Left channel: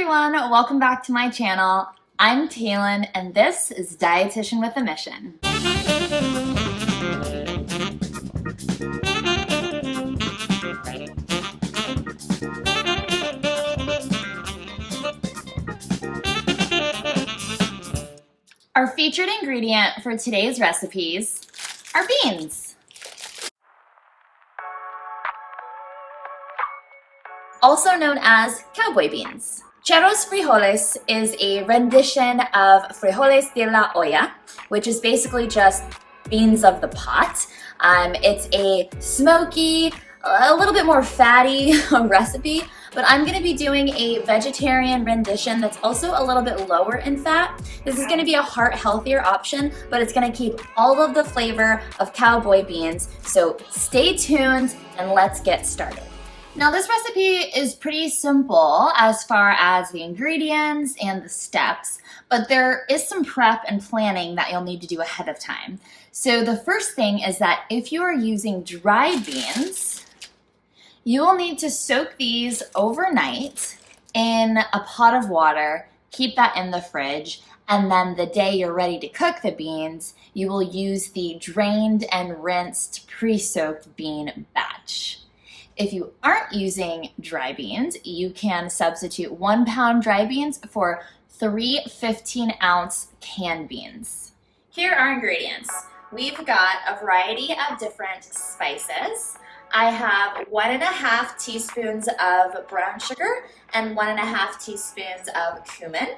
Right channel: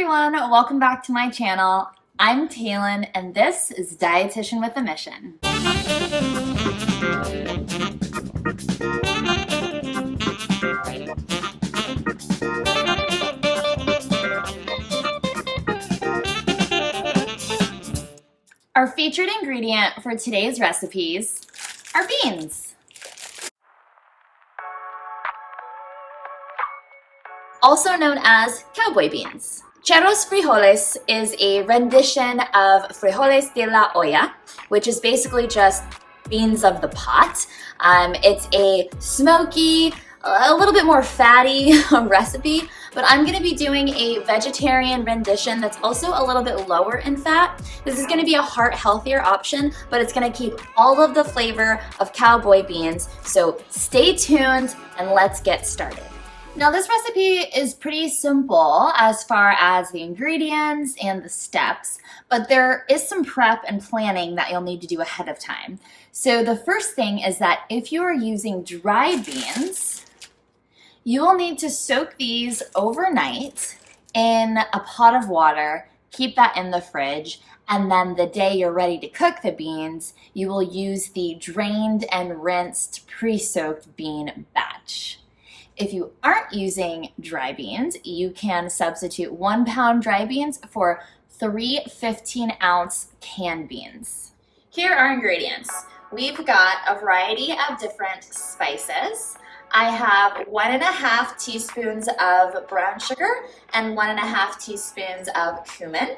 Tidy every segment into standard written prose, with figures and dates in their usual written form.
everyone, welcome back to my channel. I'm Taylin and this is Dietitian with a Mission. Our featured ingredient for today's recipes are beans. Also known as cowboy beans. Charros frijoles is a rendition of frijoles de la olla, which is basically just beans of the pot. It's a smoky, a little bit more fatty recipe, but I'm gonna be doing a vegetarian rendition that's also a little bit lower in fat. This is gonna be a heart healthier option, but it's gonna keep all of the flavor of cowboy beans. So stay tuned and let's get started. Now this recipe is pretty simple as far as the ingredients and the steps, but there is some prep and planning that you'll need to do ahead of time. So the first thing is that if you are using dried beans, you will need to soak these overnight in a pot of water, keep that in the fridge, and then the day you're ready to cook the beans, you will use the drained and rinsed pre-soaked bean batch. If you aren't using dry beans, you can substitute 1 pound dry beans for 3 15-ounce canned beans. Here are ingredients. We've got a variety of different spices. I have 1.5 teaspoons of brown sugar and 1.5 teaspoons of cumin.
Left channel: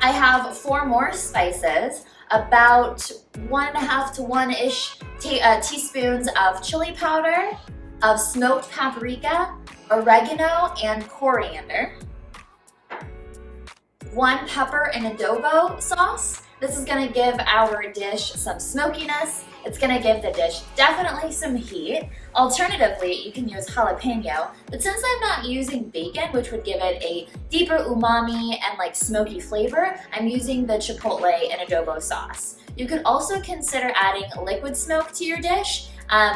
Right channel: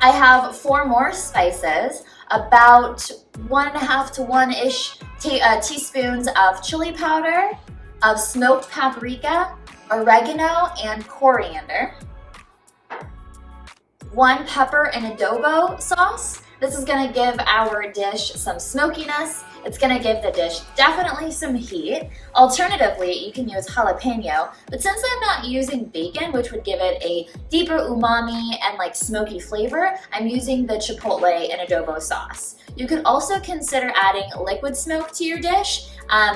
I have 4 more spices, about 1.5 to 1-ish teaspoons of chili powder, of smoked paprika, oregano, and coriander. 1 pepper and adobo sauce. This is gonna give our dish some smokiness. It's gonna give the dish definitely some heat. Alternatively, you can use jalapeno, but since I'm not using bacon, which would give it a deeper umami and like smoky flavor, I'm using the chipotle and adobo sauce. You could also consider adding liquid smoke to your dish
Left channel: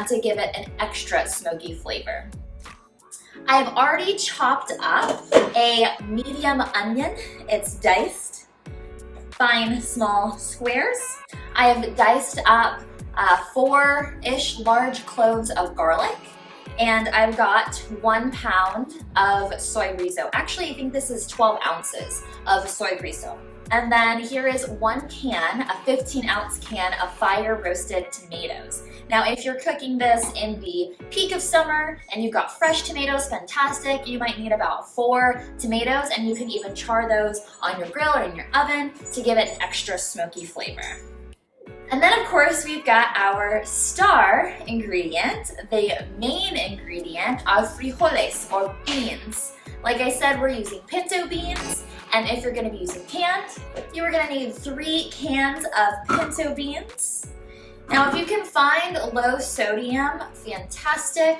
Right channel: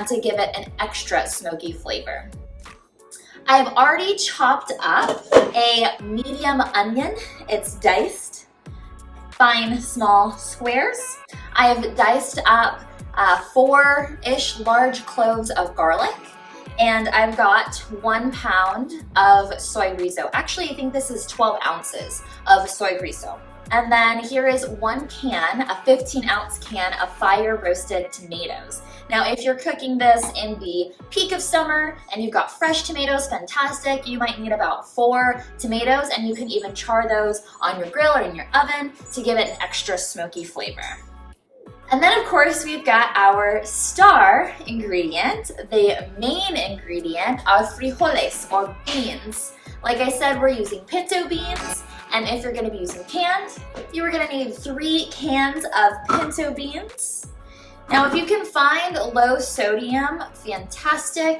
to give it an extra smoky flavor. I've already chopped up a medium onion. It's diced, fine, small squares. I have diced up 4-ish large cloves of garlic, and I've got 1 pound of soy-rizo. Actually, I think this is 12 ounces of soy-rizo. And then here is 1 can, a 15-ounce can of fire roasted tomatoes. Now, if you're cooking this in the peak of summer and you've got fresh tomatoes, fantastic. You might need about 4 tomatoes, and you can even char those on your grill or in your oven to give it an extra smoky flavor. And then of course we've got our star ingredient, the main ingredient of frijoles or beans. Like I said, we're using pinto beans. And if you're gonna be using canned, you are gonna need 3 cans of pinto beans. Now, if you can find low sodium, fantastic.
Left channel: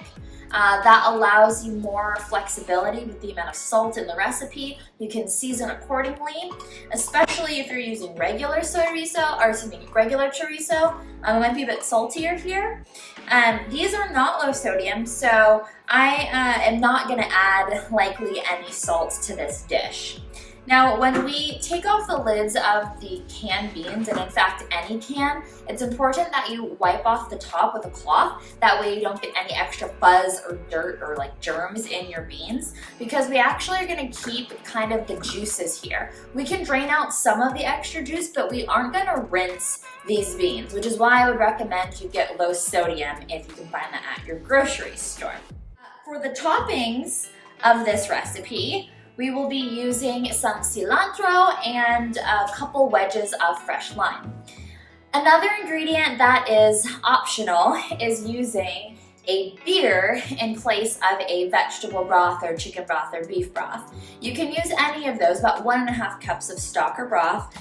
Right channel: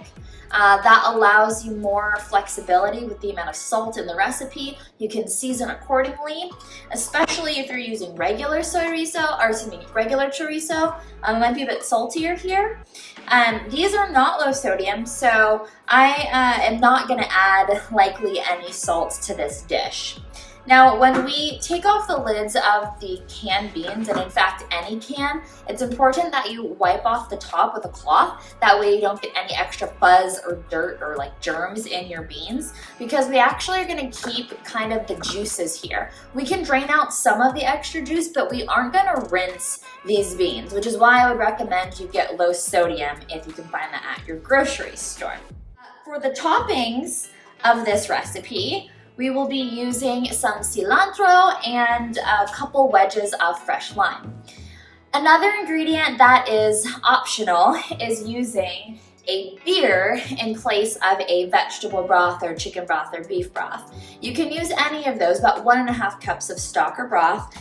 That allows you more flexibility with the amount of salt in the recipe. You can season accordingly, especially if you're using regular soy-rizo, or regular chorizo. It might be a bit saltier here. These are not low sodium, so I am not gonna add likely any salt to this dish. Now, when we take off the lids of the canned beans, and in fact any can, it's important that you wipe off the top with a cloth. That way you don't get any extra fuzz or dirt or like germs in your beans, because we actually are gonna keep kind of the juices here. We can drain out some of the extra juice, but we aren't gonna rinse these beans, which is why I would recommend you get low sodium if you can find that at your grocery store. For the toppings of this recipe, we will be using some cilantro and a couple wedges of fresh lime. Another ingredient that is optional is using a beer in place of a vegetable broth or chicken broth or beef broth. You can use any of those, about 1.5 cups of stock or broth.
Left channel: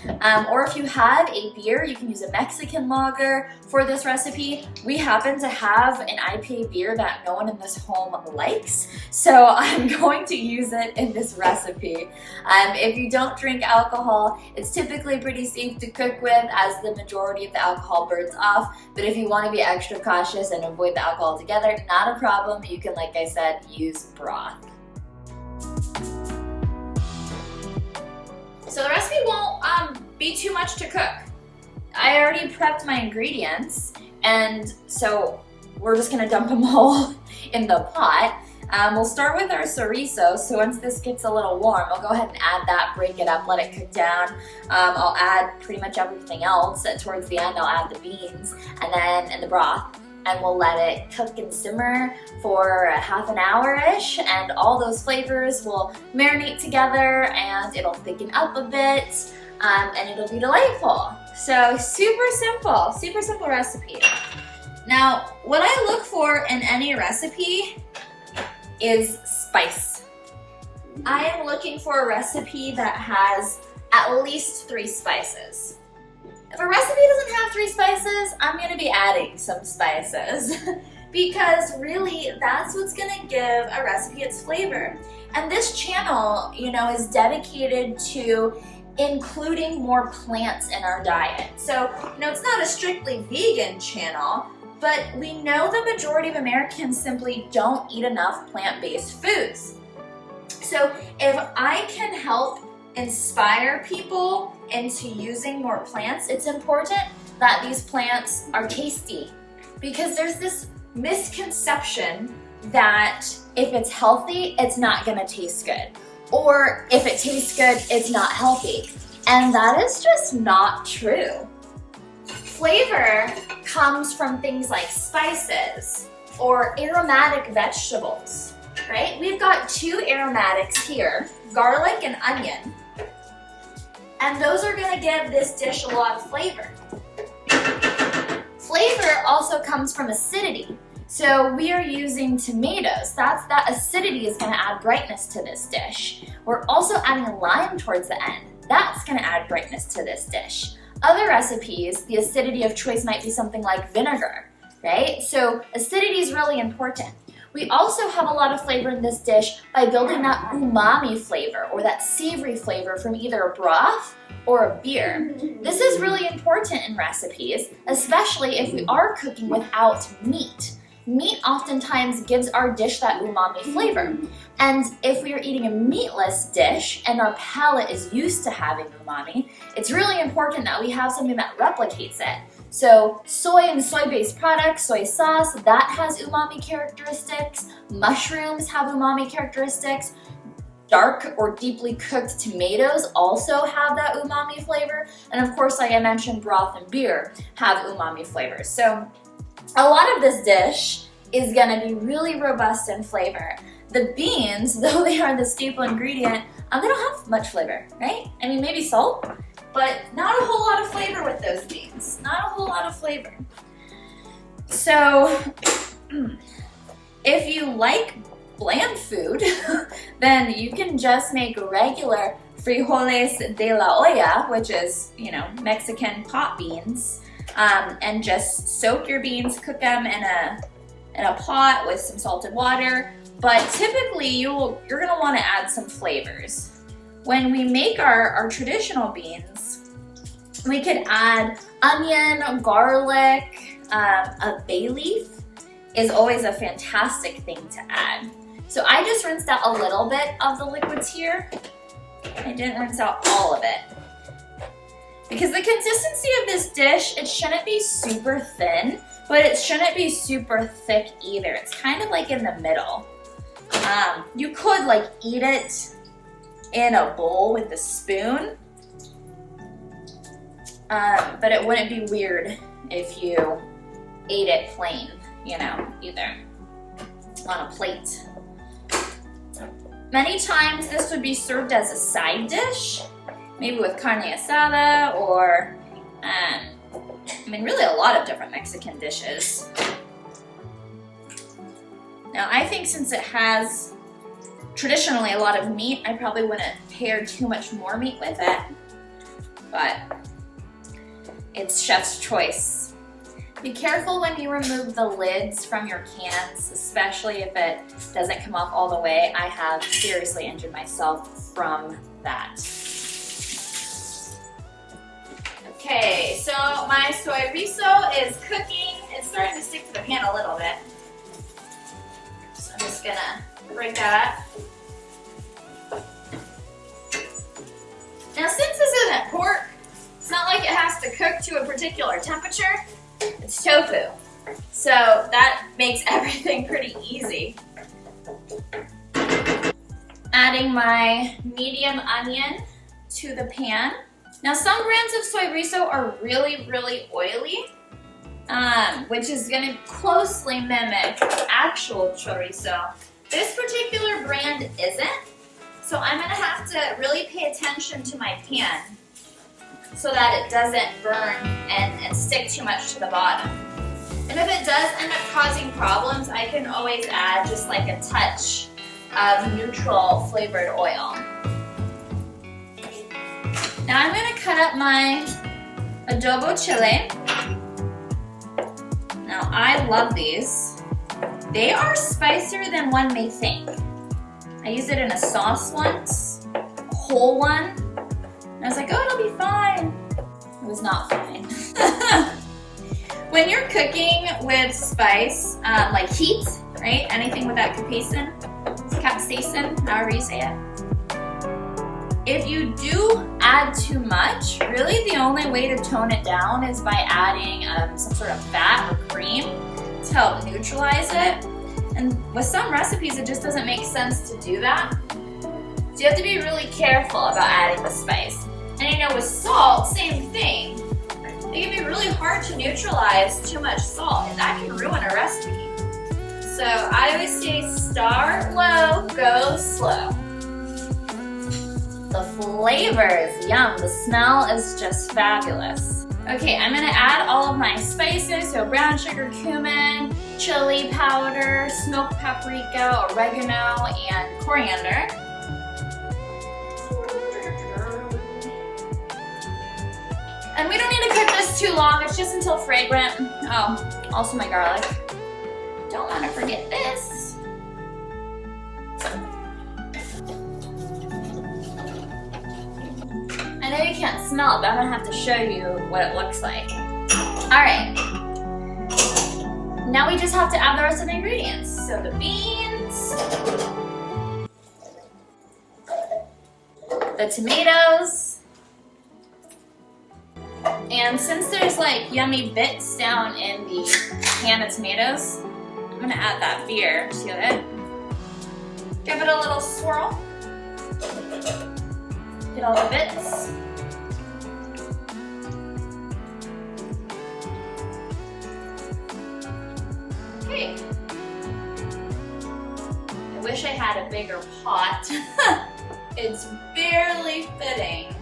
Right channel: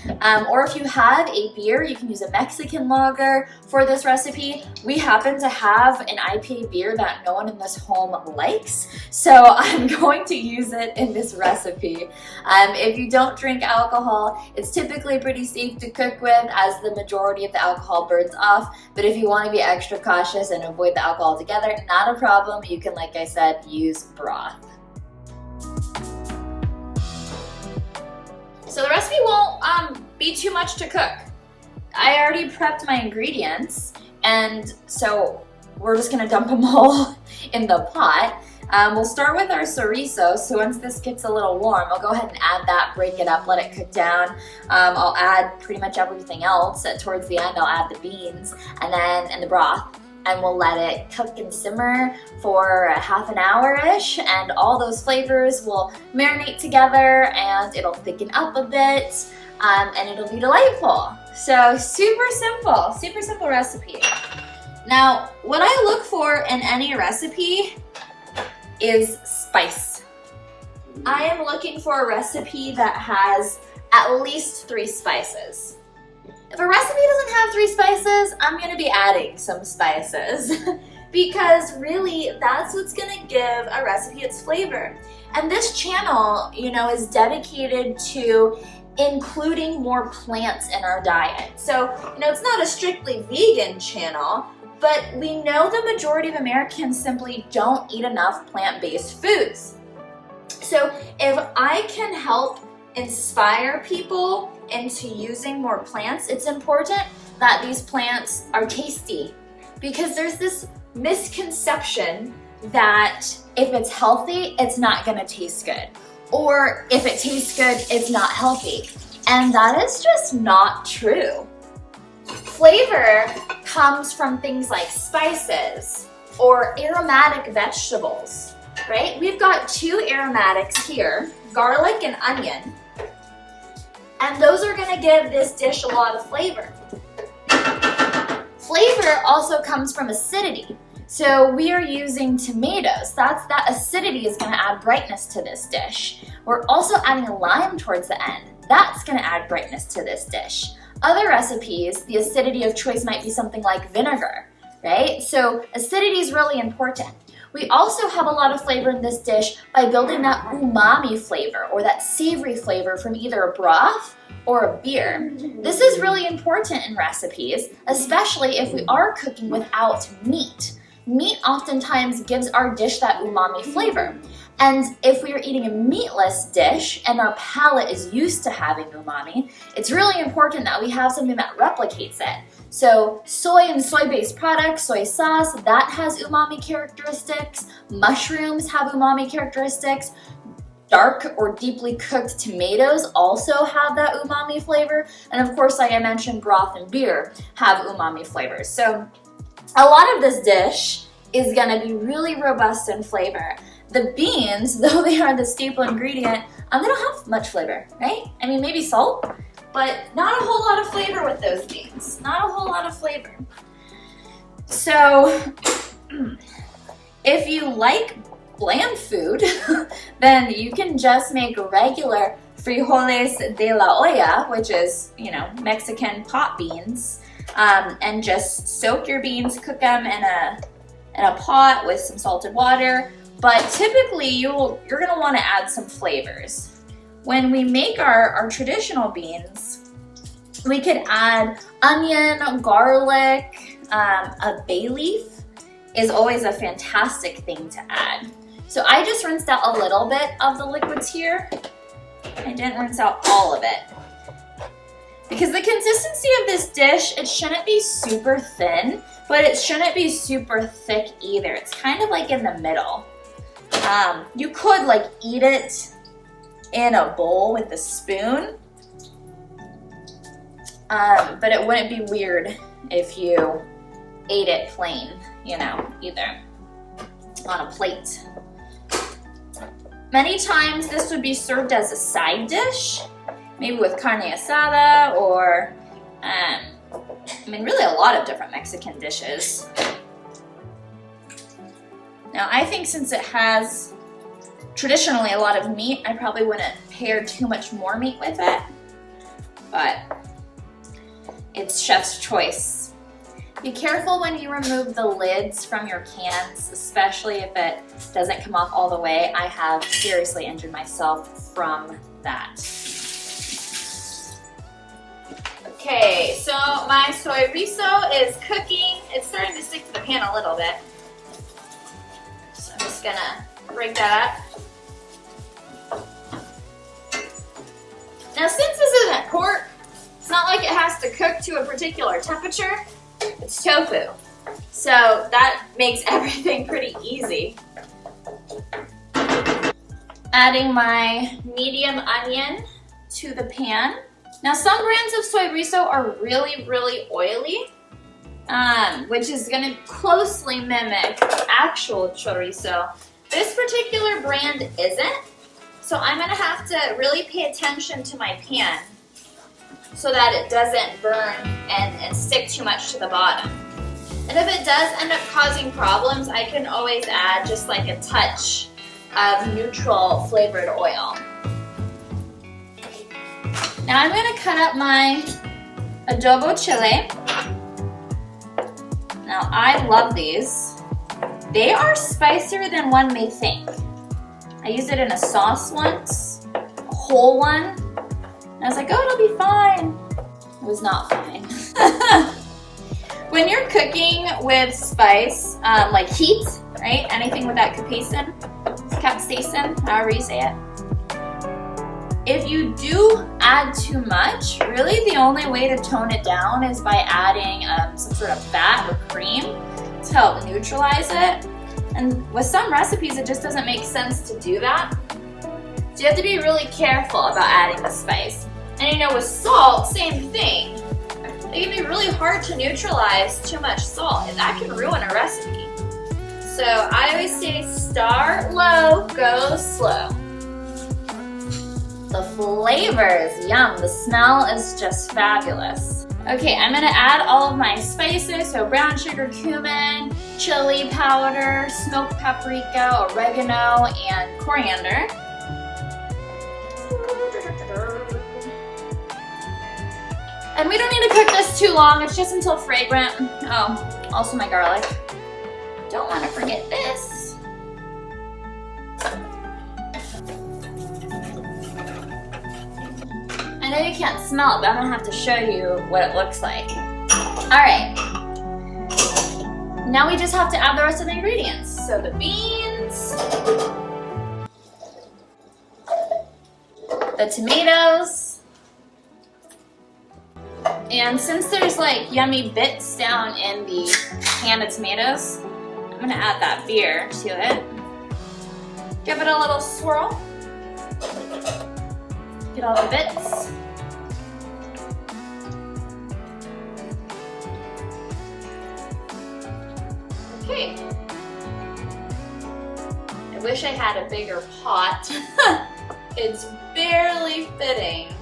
Or if you have a beer, you can use a Mexican lager for this recipe. We happen to have an IPA beer that no one in this home likes, so I'm going to use it in this recipe. If you don't drink alcohol, it's typically pretty safe to cook with, as the majority of the alcohol burns off. But if you want to be extra cautious and avoid the alcohol altogether, not a problem. You can, like I said, use broth. be too much to cook. I already prepped my ingredients, and so we're just gonna dump them all in the pot. We'll start with our chorizo. So once this gets a little warm, I'll go ahead and add that, break it up, let it cook down. I'll add pretty much everything else. Towards the end, I'll add the beans and then the broth, and we'll let it cook and simmer for a half an hour-ish, and all those flavors will marinate together and it'll thicken up a bit, and it'll be delightful. So super simple recipe. Now, what I look for in any recipe is spice. I am looking for a recipe that has at least 3 spices. If a recipe doesn't have 3 spices, I'm gonna be adding some spices because really that's what's gonna give a recipe its flavor. And this channel, is dedicated to including more plants in our diet. So, it's not a strictly vegan channel, but we know the majority of Americans simply don't eat enough plant-based foods. So if I can help inspire people into using more plants, it's important that these plants are tasty, because there's this misconception that if it's healthy, it's not gonna taste good. Or if it tastes good, it's not healthy. And that is just not true. Flavor comes from things like spices or aromatic vegetables, right? We've got 2 aromatics here, garlic and onion, and those are gonna give this dish a lot of flavor. Flavor also comes from acidity. So we are using tomatoes. That acidity is gonna add brightness to this dish. We're also adding lime towards the end. That's gonna add brightness to this dish. Other recipes, the acidity of choice might be something like vinegar, right? So acidity is really important. We also have a lot of flavor in this dish by building that umami flavor or that savory flavor from either a broth or a beer. This is really important in recipes, especially if we are cooking without meat. Meat oftentimes gives our dish that umami flavor. And if we are eating a meatless dish and our palate is used to having umami, it's really important that we have something that replicates it. So soy and soy-based products, soy sauce, that has umami characteristics. Mushrooms have umami characteristics. Dark or deeply cooked tomatoes also have that umami flavor. And of course, like I mentioned, broth and beer have umami flavors. So a lot of this dish is gonna be really robust in flavor. The beans, though they are the staple ingredient, they don't have much flavor, right? I mean, maybe salt, but not a whole lot of flavor with those beans. Not a whole lot of flavor. So, if you like bland food, then you can just make regular frijoles de la olla, which is, Mexican pot beans, and just soak your beans, cook them in a pot with some salted water. But typically you're gonna wanna add some flavors. When we make our traditional beans, we could add onion, garlic, a bay leaf is always a fantastic thing to add. So I just rinsed out a little bit of the liquids here. I didn't rinse out all of it. Because the consistency of this dish, it shouldn't be super thin, but it shouldn't be super thick either. It's kind of like in the middle. You could eat it in a bowl with a spoon, but it wouldn't be weird if you ate it plain, either on a plate. Many times this would be served as a side dish, maybe with carne asada or, really a lot of different Mexican dishes. Now, I think since it has traditionally a lot of meat, I probably wouldn't pair too much more meat with it, but it's chef's choice. Be careful when you remove the lids from your cans, especially if it doesn't come off all the way. I have seriously injured myself from that. Okay, so my soy-rizo is cooking. It's starting to stick to the pan a little bit. I'm just gonna break that up. Now, since this isn't pork, to a particular temperature, it's tofu. So that makes everything pretty easy. Adding my medium onion to the pan. Now some brands of soy-rizo are really, really oily, which is gonna closely mimic actual chorizo. This particular brand isn't, so I'm gonna have to really pay attention to my pan so that it doesn't burn and stick too much to the bottom. And if it does end up causing problems, I can always add just like a touch of neutral flavored oil. Now I'm gonna cut up my adobo chile. Now I love these. They are spicier than one may think. I used it in a sauce once, a whole one. And I was like, oh, it'll be fine. It was not fine. When you're cooking with spice, like heat, right? Anything with that capsaicin, however you say it. If you do add too much, really the only way to tone it down is by adding some sort of fat or cream to help neutralize it. And with some recipes, it just doesn't make sense to do that. So you have to be really careful about adding the spice. And you know, with salt, same thing. It can be really hard to neutralize too much salt, and that can ruin a recipe. So I always say start low, go slow. The flavors, yum, the smell is just fabulous. Okay, I'm gonna add all of my spices, so brown sugar, cumin, chili powder, smoked paprika, oregano, and coriander. And we don't need to cook this too long, it's just until fragrant. Oh, also my garlic. Don't want to forget this. I know you can't smell it, but I'm gonna have to show you what it looks like. All right. Now we just have to add the rest of the ingredients. So the beans, the tomatoes, and since there's like yummy bits down in the can of tomatoes, I'm gonna add that beer to it. Give it a little swirl. Get all the bits. Okay. I wish I had a bigger pot. It's barely fitting.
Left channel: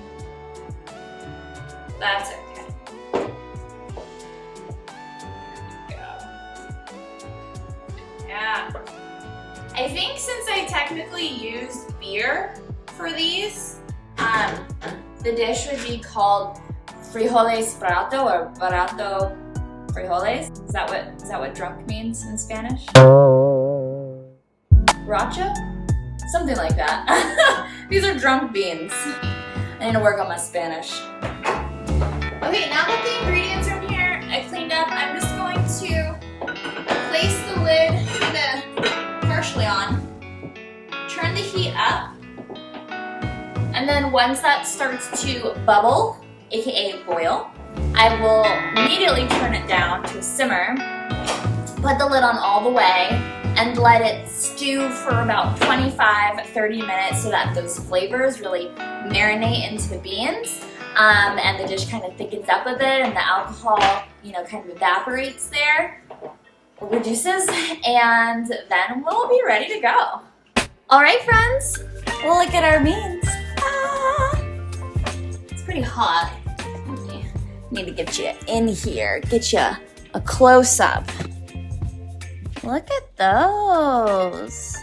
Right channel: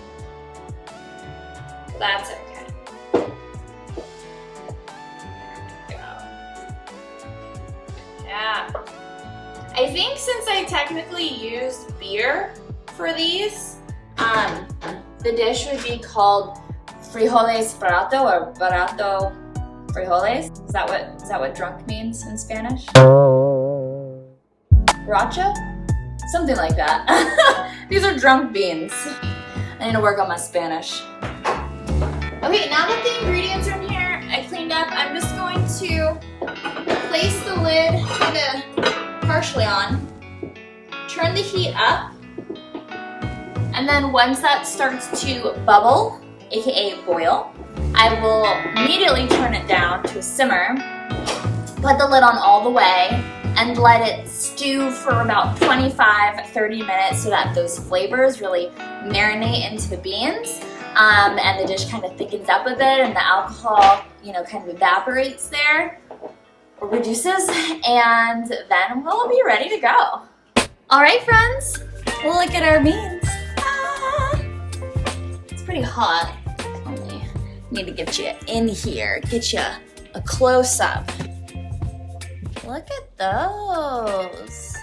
That's okay. Yeah. I think since I technically used beer for these, the dish would be called frijoles barato or barato frijoles. Is that what drunk means in Spanish? Borracho? Something like that. These are drunk beans. I need to work on my Spanish. Okay, now that the ingredients are here, I cleaned up, I'm just going to place the lid kind of partially on, turn the heat up, and then once that starts to bubble, aka boil, I will immediately turn it down to a simmer, put the lid on all the way, and let it stew for about 25-30 minutes so that those flavors really marinate into the beans. And the dish kind of thickens up a bit and the alcohol, kind of evaporates there or reduces, and then we'll be ready to go. All right, friends, look at our beans. It's pretty hot. I need to get you in here, get you a close-up. Look at those.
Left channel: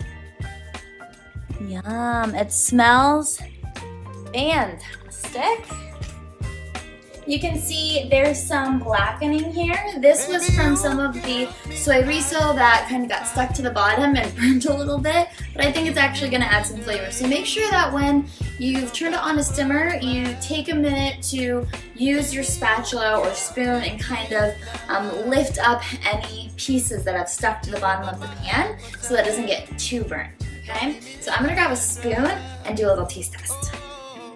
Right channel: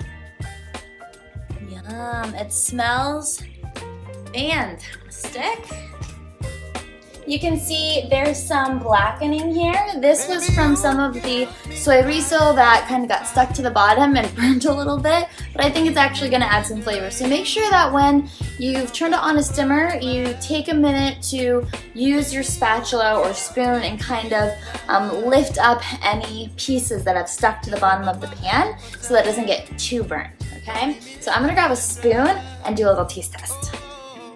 Yum, it smells fantastic. You can see there's some blackening here. This was from some of the soy-rizo that kind of got stuck to the bottom and burnt a little bit, but I think it's actually gonna add some flavor. So make sure that when you've turned it on a simmer, you take a minute to use your spatula or spoon and kind of lift up any pieces that have stuck to the bottom of the pan so that it doesn't get too burnt, okay? So I'm gonna grab a spoon and do a little taste test.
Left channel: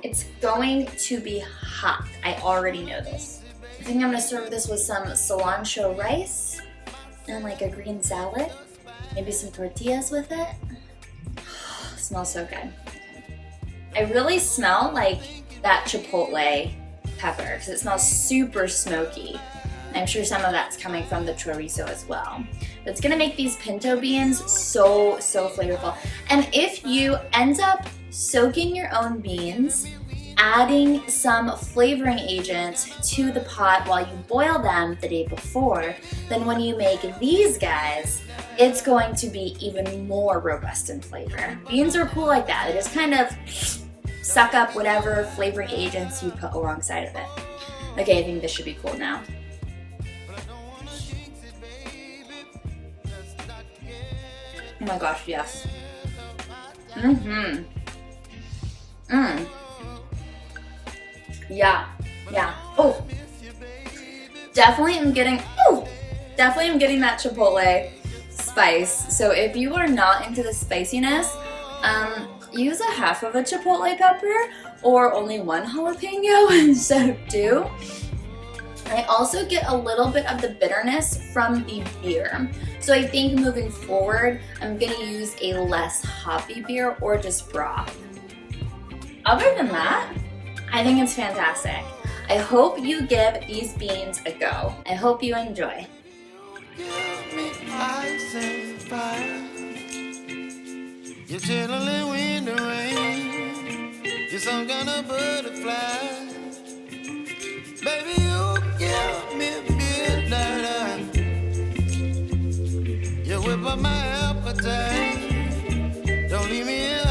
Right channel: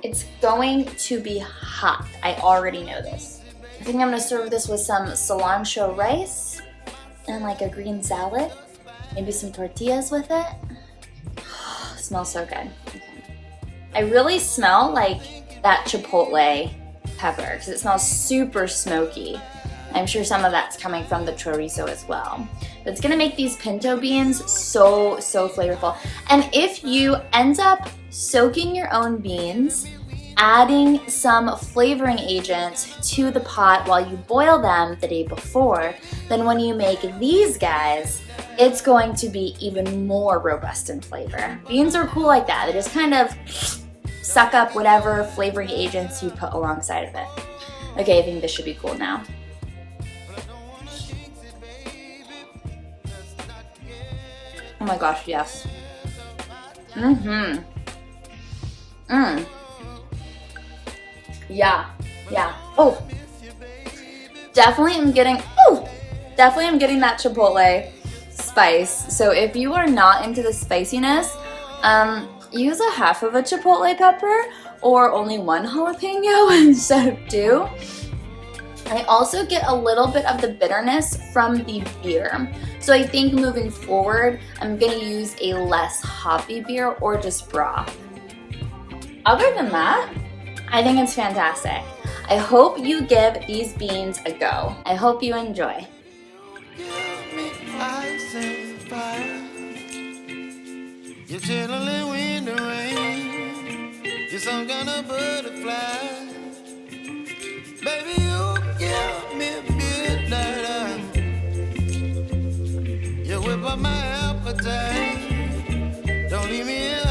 It's going to be hot. I already know this. I think I'm gonna serve this with some cilantro rice and like a green salad. Maybe some tortillas with it. Smells so good. Okay. I really smell like that chipotle pepper because it smells super smoky. I'm sure some of that's coming from the chorizo as well. But it's gonna make these pinto beans so flavorful. And if you end up soaking your own beans, adding some flavoring agent to the pot while you boil them the day before, then when you make these guys, it's going to be even more robust in flavor. Beans are cool like that. They just kind of suck up whatever flavoring agents you put alongside of it. Okay, I think this should be cool now. Oh my gosh, yes. Yeah. Oh, definitely am getting that chipotle spice. So if you are not into the spiciness, use a half of a chipotle pepper or only one jalapeno instead of two. I also get a little bit of the bitterness from the beer. So I think moving forward, I'm gonna use a less hoppy beer or just broth. Other than that, I think it's fantastic. I hope you give these beans a go. I hope you enjoy. You're chilling when the rain. You're some kind of butterfly. Baby, you give me midnight. You whip up my appetite. Don't leave me